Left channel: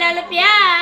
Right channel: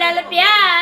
बिहारी लाल प्यारे